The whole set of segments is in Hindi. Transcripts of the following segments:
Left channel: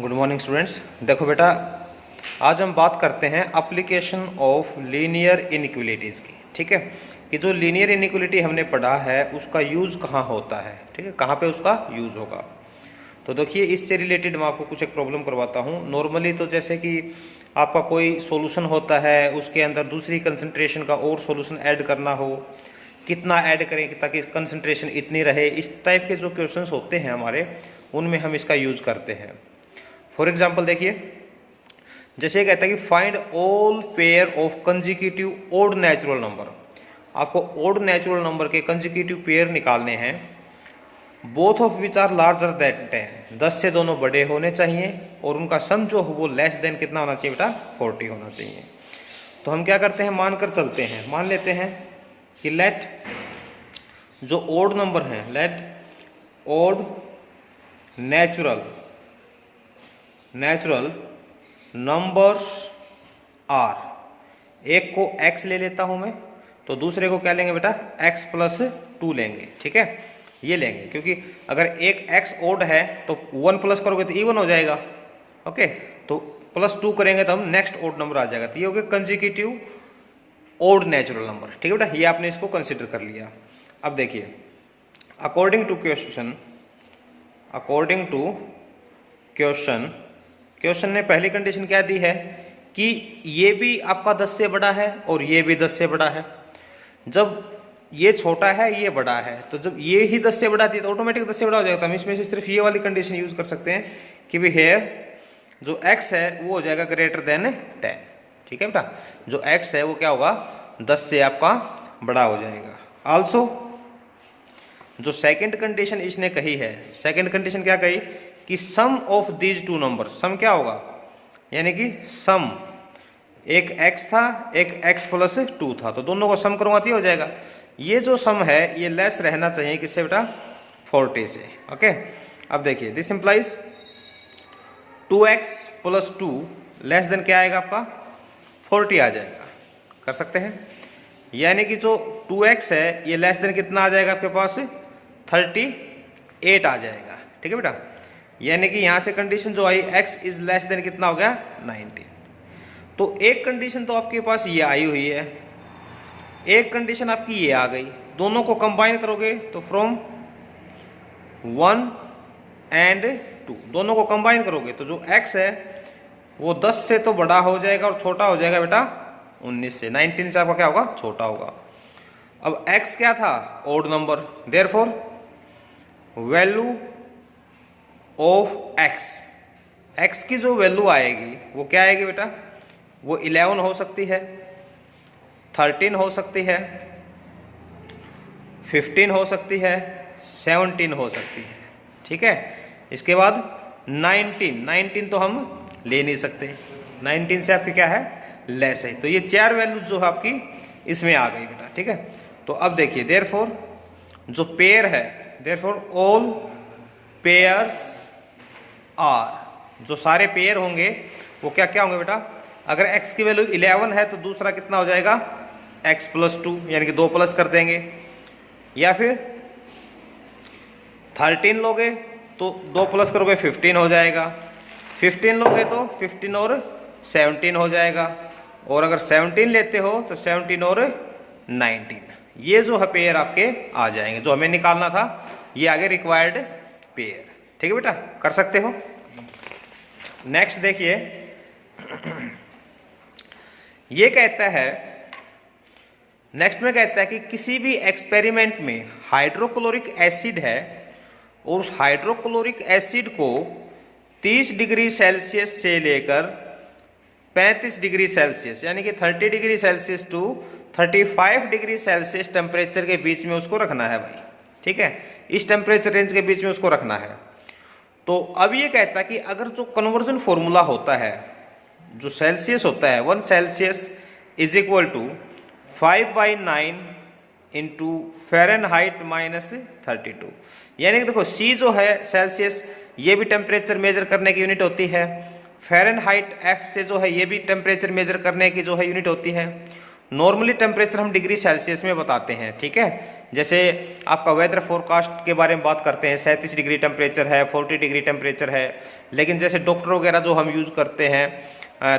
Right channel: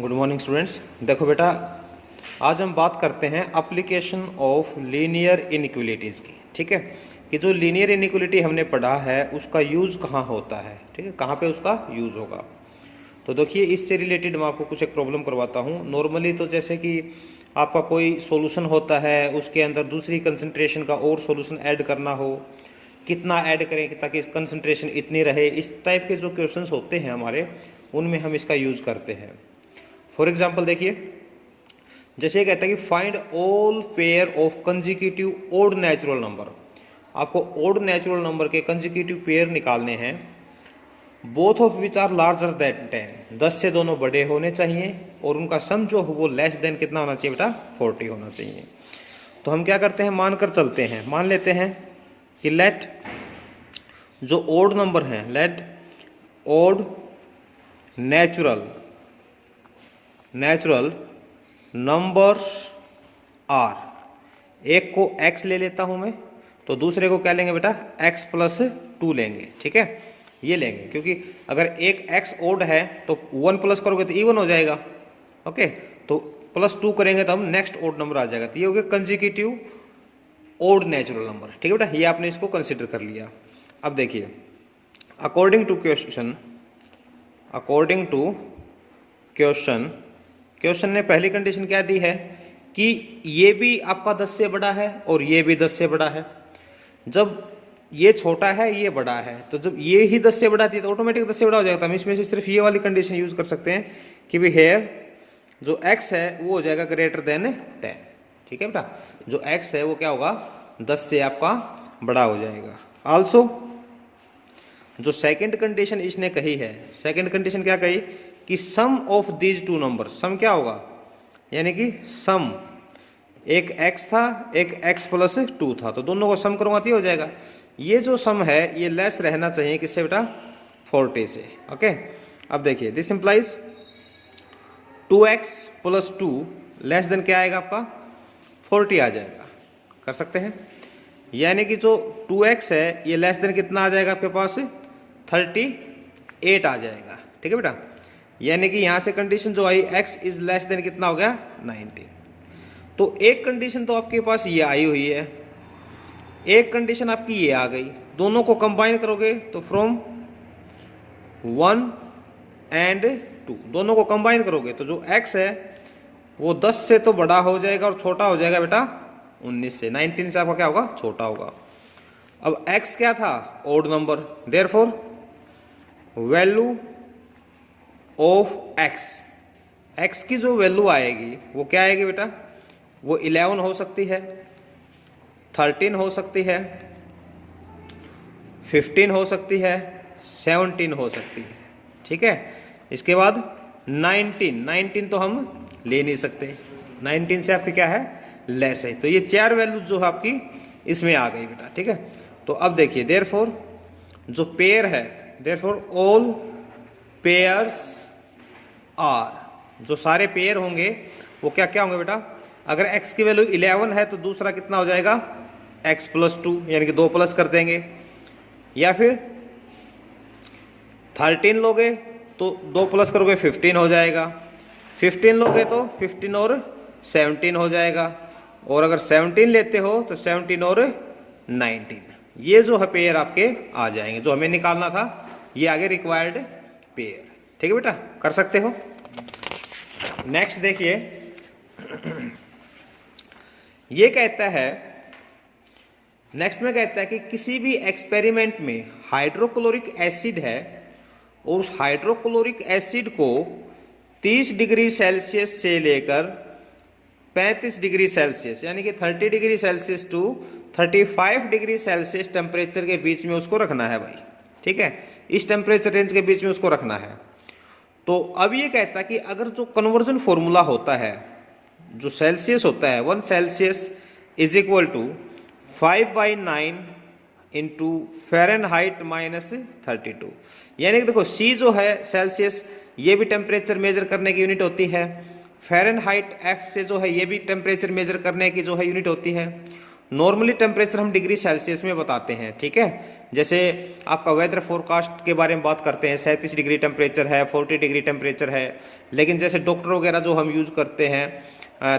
Good morning students. देखो बेटा, आज हम बात करते हैं एप्लीकेशन ऑफ लीनियर इनइक्वालिटीज़ की। ठीक है, कि जो लीनियर इनइक्वालिटी हमने पढ़ा है उसका यूज़ कहाँ होता है। ठीक है, कहाँ पे उसका यूज़ होगा। तो देखिए, इससे रिलेटेड मैं आपको कुछ एक प्रॉब्लम करवाता हूँ। नॉर्मली तो जैसे कि आपका कोई सॉल्यूशन होता है, उसके अंदर दूसरी कंसंट्रेशन का और सॉल्यूशन ऐड करना हो, कितना ऐड करें ताकि कंसंट्रेशन इतनी रहे, इस टाइप के जो क्वेश्चंस होते हैं हमारे, उनमें हम इसका यूज़ करते हैं। फॉर एग्जाम्पल देखिए, जैसे कहता है कि find all pair of consecutive odd natural number. आपको ओड नेचुरल नंबर के कंजिक्यूटिव पेयर निकालने हैं, both of which are larger than 10। 10 से दोनों बड़े होने चाहिए और उनका सम जो हो वो लेस देन कितना होना चाहिए बेटा, 40 होना चाहिए। तो हम क्या करते हैं, मानकर चलते हैं, मान लेते हैं कि लेट जो ओड नंबर है, let odd natural numbers are, एक को x ले लेता हूं मैं, तो दूसरे को क्या लेंगे बेटा, x+2 लेंगे। ठीक है, ये लेंगे क्योंकि अगर एक x ओड है तो 1 प्लस करोगे तो इवन हो जाएगा। ओके, तो +2 करेंगे तो हम नेक्स्ट ओड नंबर आ जाएगा। तो ये हो गया कंजिक्यूटिव ओड नेचुरल नंबर। ठीक है बेटा, ये आपने इसको कंसिडर कर लिया। अब देखिए, अकॉर्डिंग टू क्वेश्चन ने पहली कंडीशन क्या दी है कि ये भी आपका 10 से बड़ा है और ये भी 10 से बड़ा है। जब ये छोटा है ये बड़ा है, तो जब ये ही 10 से बड़ा थी तो ऑटोमेटिक 10 से बड़ा हो जाएगा। तो हम इसमें से सिर्फ ये वाली कंडीशन यूज कर सकते हैं कि भी हेयर जो x है वो हो जाएगा ग्रेटर देन 10। ठीक है बेटा, जो x है वो क्या होगा, 10 से आपका बड़ा हो जाएगा। आल्सो जो सेकंड कंडीशन इसने कही है, सेकंड कंडीशन क्या कही कि सम ऑफ दीज टू नंबर, सम क्या होगा, यानी कि सम, एक x था एक x+2 था, तो दोनों को सम करूंगा तो हो जाएगा। ये जो सम है ये लेस रहना चाहिए किससे बेटा, 40 से। ओके, अब देखिए, this implies 2x+2 less than क्या आएगा आपका, 40 आ जाएगा। कर सकते हैं, यानी कि जो 2x है ये लेस देन कितना आ जाएगा आपके पास, 38 आ जाएगा। ठीक है बेटा, यानी कि यहां से कंडीशन जो आई x इज लेस देन कितना हो गया, 19। तो एक कंडीशन तो आपके पास ये आई हुई है, एक कंडीशन आपकी ये आ गई। दोनों को कंबाइन करोगे तो फ्रॉम 1 and 2, दोनों को कंबाइन करोगे तो जो x है वो 10 से तो बड़ा हो जाएगा और छोटा हो जाएगा बेटा 19 से। 19 से आपका क्या होगा, छोटा होगा। अब x क्या था, odd number, therefore value of x की जो वैल्यू आएगी वो क्या आएगी बेटा, वो 11 हो सकती है, 13 हो सकती है, 15 हो सकती है, 17 हो सकती है। ठीक है, इसके बाद 19 तो हम ले नहीं सकते, 19 से आपकी क्या है, लेस है। तो ये 4 वैल्यू जो है आपकी इसमें आ गई बेटा। ठीक है, तो अब देखिए, देयरफॉर जो पेयर है, देयरफॉर ऑल पेयर्स आर, जो सारे पेयर होंगे वो क्या क्या होंगे बेटा, अगर x की वैल्यू 11 है तो दूसरा कितना हो जाएगा, x+2, यानी कि 2 प्लस कर देंगे। या फिर 13 लोगे तो 2 प्लस करोगे 15 हो जाएगा, 15 लोगे तो 15 और 17 हो जाएगा, और अगर 17 लेते हो तो 17 और 19, ये जो है पेयर आपके आ जाएंगे। जो हमें निकालना था ये आगे रिक्वायर्ड पेयर। ठीक है बेटा, कर सकते हो। नेक्स्ट देखिए, ये कहता है, नेक्स्ट में कहता है कि किसी भी एक्सपेरिमेंट में हाइड्रोक्लोरिक एसिड है और उस हाइड्रोक्लोरिक एसिड को 30 डिग्री सेल्सियस से लेकर 35 डिग्री सेल्सियस, यानी कि 30 degree Celsius to 35 degree Celsius temperature के बीच में उसको रखना है भाई। ठीक है, इस टेम्परेचर रेंज के बीच में उसको रखना है। तो अब ये कहता है कि अगर जो कन्वर्जन फॉर्मूला होता है, जो सेल्सियस होता है, 1 Celsius is equal to 5/9 into Fahrenheit -32, यानी कि देखो C जो है सेल्सियस, ये भी टेम्परेचर मेजर करने की यूनिट होती है, फ़ारेनहाइट F से जो है ये भी टेम्परेचर मेजर करने की जो है यूनिट होती है, नॉर्मली टेम्परेचर हम डिग्री सेल्सियस में बताते हैं, ठीक है। जैसे आपका वेदर फोरकास्ट के बारे में बात करते हैं, 37 डिग्री टेम्परेचर है, 40 डिग्री टेम्परेचर है। लेकिन जैसे डॉक्टर वगैरह जो हम यूज़ करते हैं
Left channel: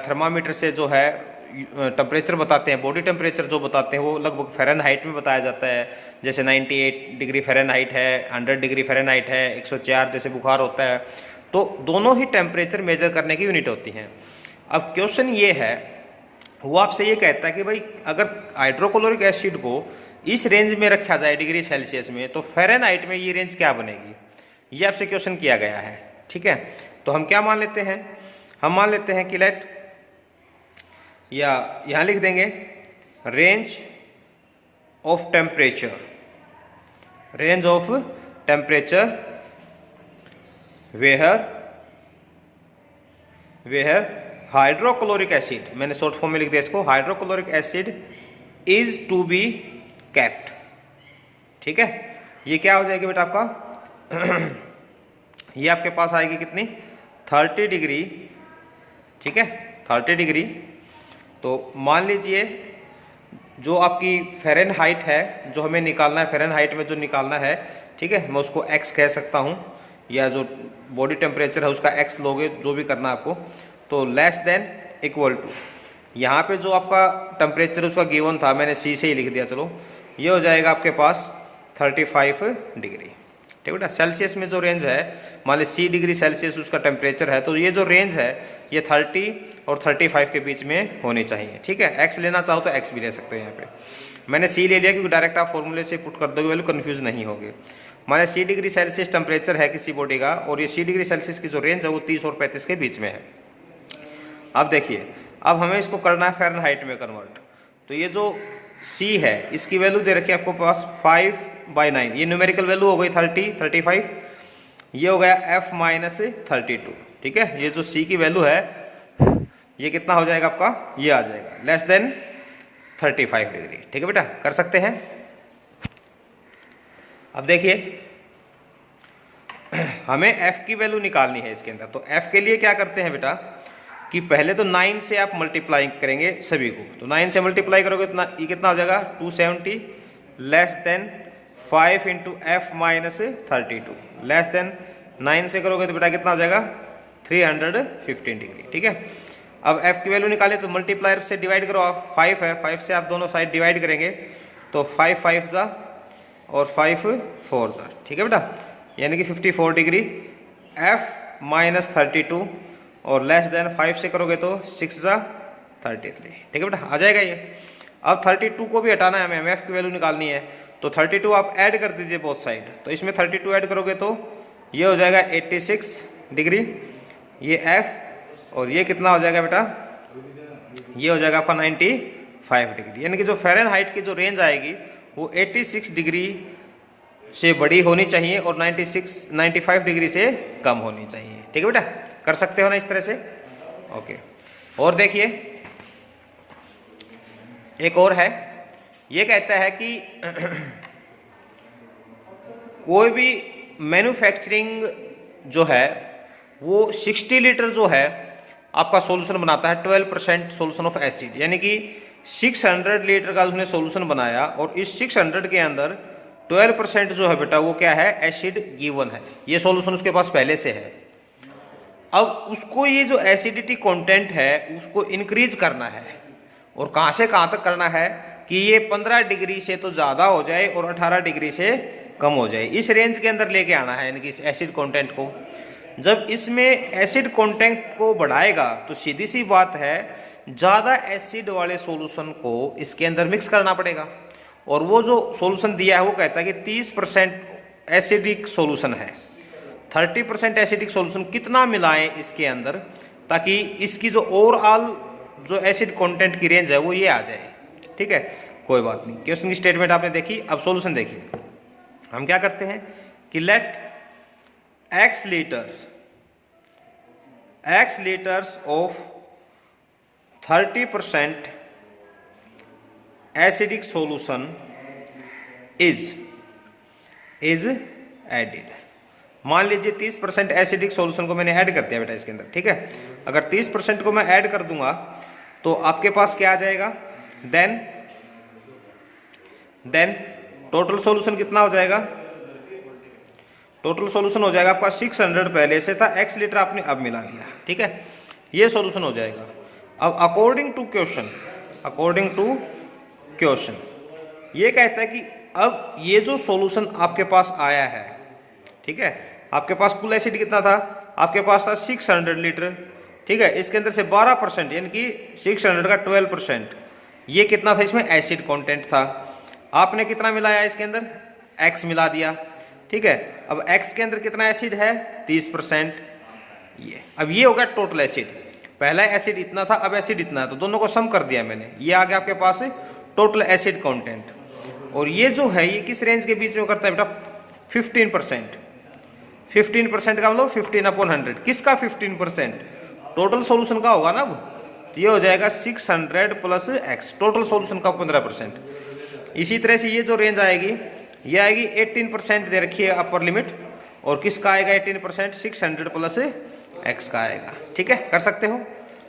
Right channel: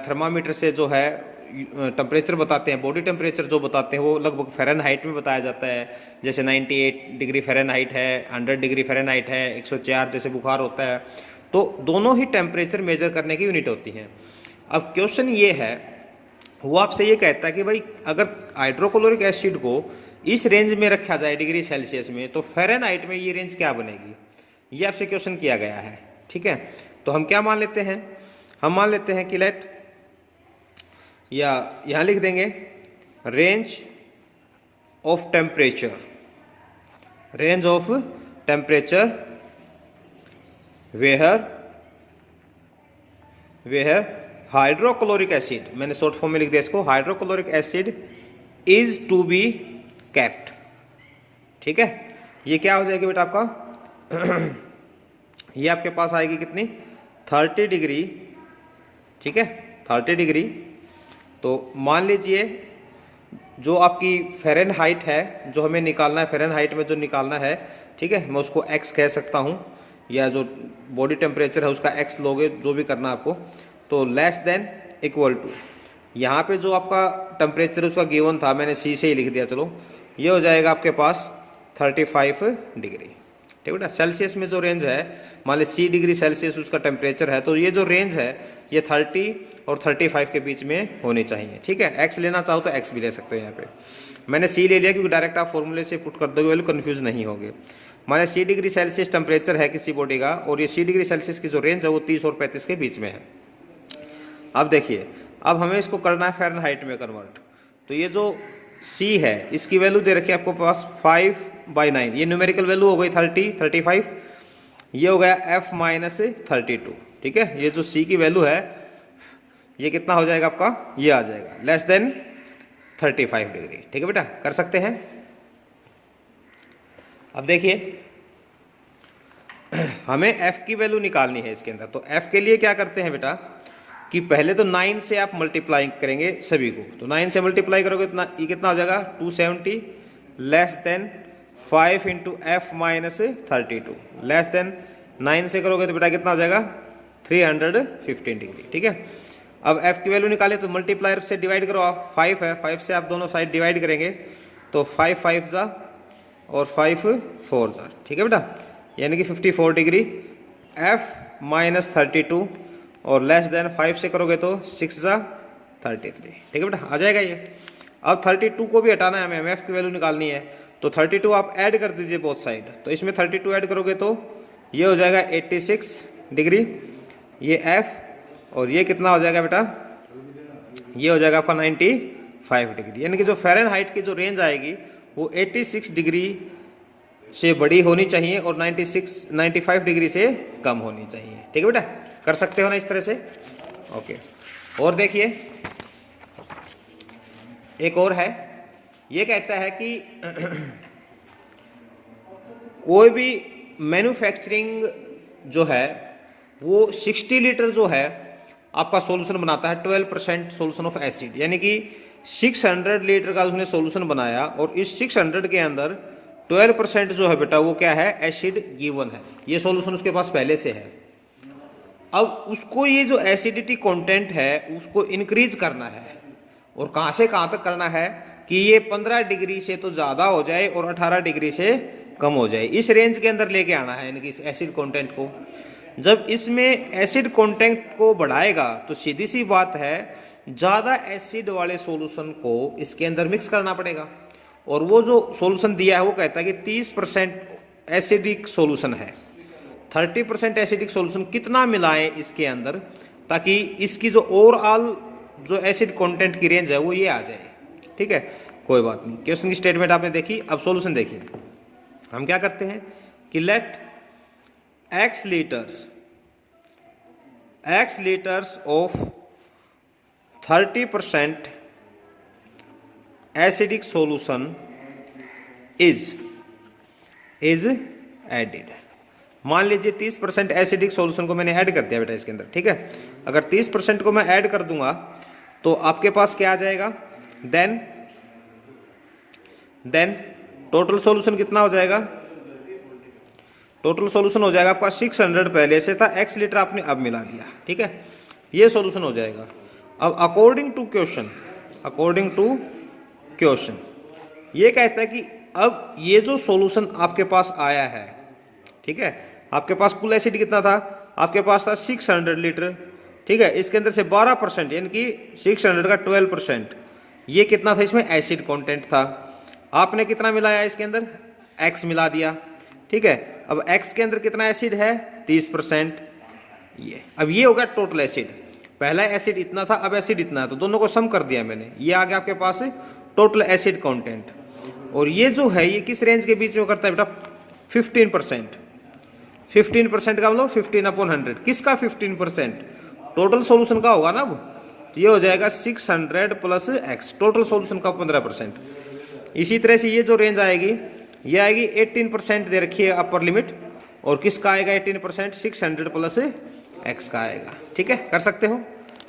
थर्मामीटर से जो है टेम्परेचर बताते हैं, बॉडी टेम्परेचर जो बताते हैं वो लगभग फ़ारेनहाइट में बताया जाता है। जैसे 98 डिग्री फ़ारेनहाइट है, 100 डिग्री फ़ारेनहाइट है, 104 जैसे बुखार होता है। तो दोनों ही टेम्परेचर मेजर करने की यूनिट होती हैं। अब क्वेश्चन ये है, वो आपसे ये कहता है कि भाई अगर हाइड्रोक्लोरिक एसिड को इस रेंज में रखा जाए डिग्री सेल्सियस में, तो फ़ारेनहाइट में ये रेंज क्या बनेगी, ये आपसे क्वेश्चन किया गया है, ठीक है। तो हम क्या मान लेते हैं, हम मान लेते हैं कि लेट, या यहां लिख देंगे range of temperature, range of temperature where hydrochloric acid, मैंने शॉर्ट फॉर्म में लिख दिया इसको, hydrochloric acid is to be kept, ठीक है। ये क्या हो जाएगी बेटा आपका ये आपके पास आएगी कितनी, 30 डिग्री, ठीक है, 30 डिग्री। तो मान लीजिए जो आपकी फ़ारेनहाइट है, जो हमें निकालना है, फ़ारेनहाइट में जो निकालना है, ठीक है, मैं उसको x कह सकता हूँ, या जो बॉडी टेम्परेचर है उसका x लोगे, जो भी करना आपको। तो लेस देन इक्वल टू, यहाँ पे जो आपका टेम्परेचर उसका गिवन था, मैंने C से ही लिख दिया, चलो ये हो जाएगा आपके पास 35 डिग्री, ठीक बेटा। सेल्सियस में जो रेंज है, मान ली 30 डिग्री सेल्सियस उसका टेम्परेचर है, तो ये जो रेंज है ये 30 और 35 के बीच में होनी चाहिए, ठीक है। x लेना चाहो तो x भी ले सकते हैं, यहाँ पे मैंने C ले लिया क्योंकि डायरेक्ट आप फॉर्मूले से पुट कर दोगे, वैल्यू कन्फ्यूज नहीं होगे। मान ली 30 डिग्री सेल्सियस टेम्परेचर है किसी बॉडी का, और ये 30 डिग्री सेल्सियस की जो रेंज है वो 30 और 35 के बीच में है। अब देखिए, अब हमें इसको करना है फ़ारेनहाइट में कन्वर्ट। तो ये जो C है इसकी वैल्यू दे रखी है आपको पास 5/9, ये न्यूमेरिकल वैल्यू हो गई 30, 35, ये हो गया F माइनस 32, ठीक है। ये जो C की वैल्यू है ये कितना हो जाएगा आपका, ये आ जाएगा लेस देन 35 डिग्री, ठीक है बेटा, कर सकते हैं। अब देखिए हमें F की वैल्यू निकालनी है इसके अंदर। तो F के लिए क्या करते हैं बेटा कि पहले तो 9 से आप मल्टीप्लाई करेंगे सभी को। तो 9 से मल्टीप्लाई करोगे तो ये कितना हो जाएगा 270 less than 5 into F minus 32 less than 9 से करोगे तो बेटा कितना हो जाएगा 315 डिग्री, ठीक है। अब F की वैल्यू निकाले तो मल्टीप्लायर से डिवाइड करो आप, 5 है, 5 से आप दोनों साइड डिवाइड करेंगे तो 5 5 जा और 5 4 जा, ठीक है बेटा, यानी कि 54 डिग्री। F माइनस 32 और लेस देन 5 से करोगे तो 6 जा 33, ठीक है बेटा, आ जाएगा ये। अब 32 को भी हटाना है हमें, F की वैल्यू निकालनी है, तो 32 आप ऐड कर दीजिए बोथ साइड। तो इसमें 32 ऐड करोगे तो ये हो जाएगा 86 डिग्री, ये F, और ये कितना हो जाएगा बेटा, ये हो जाएगा आपका 95 डिग्री। यानी कि जो फ़ारेनहाइट की जो रेंज आएगी वो 86 डिग्री से बड़ी होनी चाहिए और 95 डिग्री से कम होनी चाहिए, ठीक है बेटा, कर सकते हो ना इस तरह से, ओके। और देखिए एक और है, ये कहता है कि कोई भी मैन्युफैक्चरिंग जो है वो 60 लीटर जो है आपका सॉल्यूशन बनाता है 12% सॉल्यूशन ऑफ एसिड, यानी कि 600 लीटर का उसने सॉल्यूशन बनाया और इस 600 के अंदर 12% जो है बेटा वो क्या है, एसिड गिवन है, ये सॉल्यूशन उसके पास पहले से है। अब उसको ये जो एसिडिटी कंटेंट है उसको इंक्रीज करना है, और कहां से कहां तक करना है कि ये 15 डिग्री से तो ज्यादा हो जाए और 18 डिग्री से कम हो जाए, इस रेंज के अंदर लेके आना है, यानी कि इस एसिड कंटेंट को। जब इसमें एसिड कंटेंट को बढ़ाएगा तो सीधी सी बात है ज्यादा एसिड वाले सॉल्यूशन को इसके अंदर मिक्स करना पड़ेगा, और वो जो सॉल्यूशन दिया है वो कहता है कि 30% एसिडिक सॉल्यूशन है, 30% एसिडिक सॉल्यूशन कितना मिलाएं इसके अंदर ताकि इसकी जो ओवरऑल जो एसिड कंटेंट की रेंज है वो ये आ जाए, ठीक है। कोई बात नहीं, क्वेश्चन की स्टेटमेंट आपने देखी, अब सॉल्यूशन देखिए। हम क्या करते हैं कि let x litres of 30% acidic solution is added. मान लीजिए 30% एसिडिक सॉल्यूशन को मैंने ऐड कर दिया बेटा इसके अंदर, ठीक है। अगर 30% को मैं ऐड कर दूंगा तो आपके पास क्या आ जाएगा, देन देन टोटल सॉल्यूशन कितना हो जाएगा, टोटल सॉल्यूशन हो जाएगा आपका 600 पहले से था, x लीटर आपने अब मिला दिया, ठीक है, ये सॉल्यूशन हो जाएगा। अब अकॉर्डिंग टू क्वेश्चन ये कहता है कि अब ये जो सॉल्यूशन आपके पास आया है, ठीक है, आपके पास कुल एसिड कितना था, आपके पास था 600 लीटर, ठीक है, इसके अंदर से 12% यानी कि 600 का 12%, ये कितना था, इसमें एसिड कंटेंट था। आपने कितना मिलाया इसके अंदर, x मिला दिया, ठीक है। अब x के अंदर कितना एसिड है, 30%, ये अब ये होगा टोटल एसिड। पहला एसिड इतना था, अब एसिड इतना है, तो दोनों को सम कर दिया मैंने, ये आ गया आपके पास टोटल एसिड कंटेंट। और ये जो है ये किस रेंज के बीच में करता है बेटा, 15%। 15% का मतलब 15/100, किसका 15%, टोटल सॉल्यूशन का होगा ना। अब तो ये हो जाएगा 600 प्लस x, टोटल सॉल्यूशन का 15%। इसी तरह से ये जो रेंज आएगी ये आएगी 18% दे रखी है अपर लिमिट, और किसका आएगा 18%, 600 प्लस x का आएगा, ठीक है, कर सकते हो।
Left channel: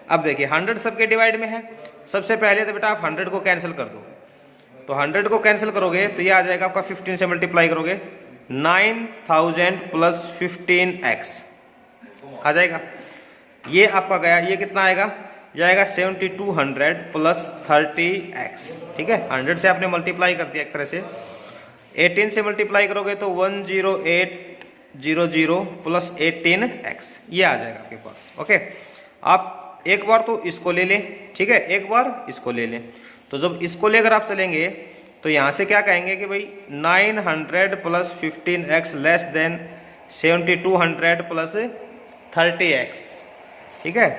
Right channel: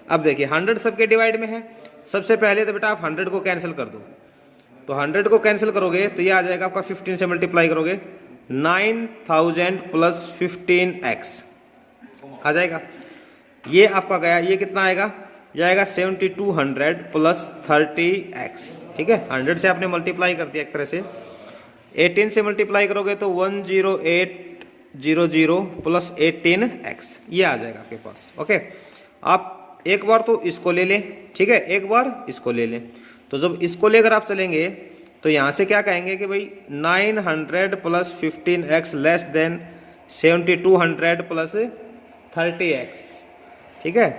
अब देखिए 100 सबके डिवाइड में है, सबसे पहले तो बेटा आप 100 को कैंसिल कर दो, तो 100 को कैंसिल करोगे तो ये आ जाएगा आपका 15 से मल्टीप्लाई करोगे 9000 प्लस 15x आ जाएगा, ये आपका गया, ये कितना आएगा, ये आएगा 7200 प्लस 30x, ठीक है, 100 से आपने मल्टीप्लाई कर दिया एक तरह से, 18 से मल्टीप्लाई करोगे तो 10800 प्लस 18x, ये आ जाएगा आपके पास। ओके, आप एक बार तो इसको ले लें, ठीक है, एक बार इसको ले लें, तो जब इसको लेकर आप चलेंगे तो यहां से क्या कहेंगे कि भाई 900 plus 15x less than 7200 plus 30x, ठीक है,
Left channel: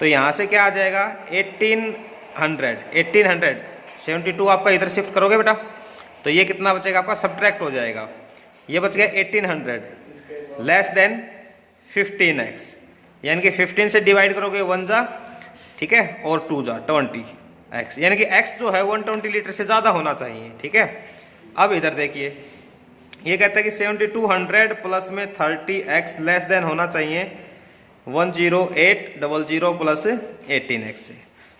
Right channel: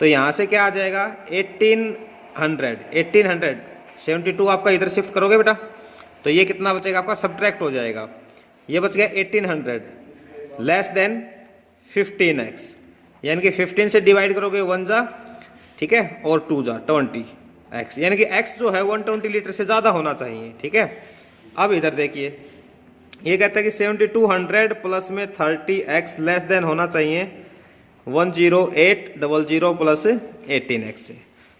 तो यहां से क्या आ जाएगा 1800 72 आपका इधर शिफ्ट करोगे बेटा, तो ये कितना बचेगा आपका, सब्ट्रैक्ट हो जाएगा, ये बच गया 1800 लेस देन 15x, यानी कि 15 से डिवाइड करोगे 1 जा, ठीक है, और 2 जा 20x, यानी कि x जो है 120 लीटर से ज्यादा होना चाहिए, ठीक है। अब इधर देखिए ये कहता है कि 7200 प्लस में 30x लेस देन होना चाहिए 10800 प्लस 18x से,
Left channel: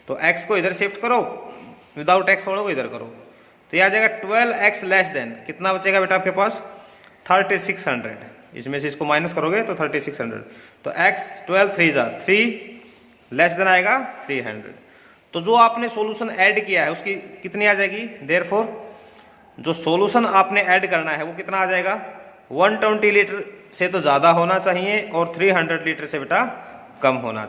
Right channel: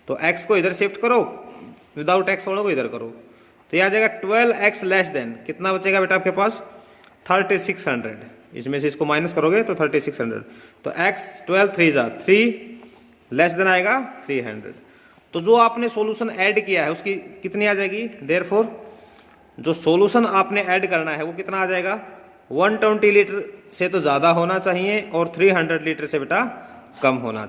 तो x को इधर शिफ्ट करो, विदाउट x वालों को इधर करो, तो ये आ जाएगा 12x लेस देन, कितना बचेगा बेटा आपके पास 3600, इसमें से इसको माइनस करोगे तो 3600, तो x 12 3 जा 3 लेस देन आएगा 300, तो जो आपने सॉल्यूशन ऐड किया है उसकी कितनी आ जाएगी, देयरफॉर जो सॉल्यूशन आपने ऐड करना है वो कितना आ जाएगा, 120 लीटर से तो ज्यादा होना चाहिए और 300 लीटर से बेटा कम होना चाहिए।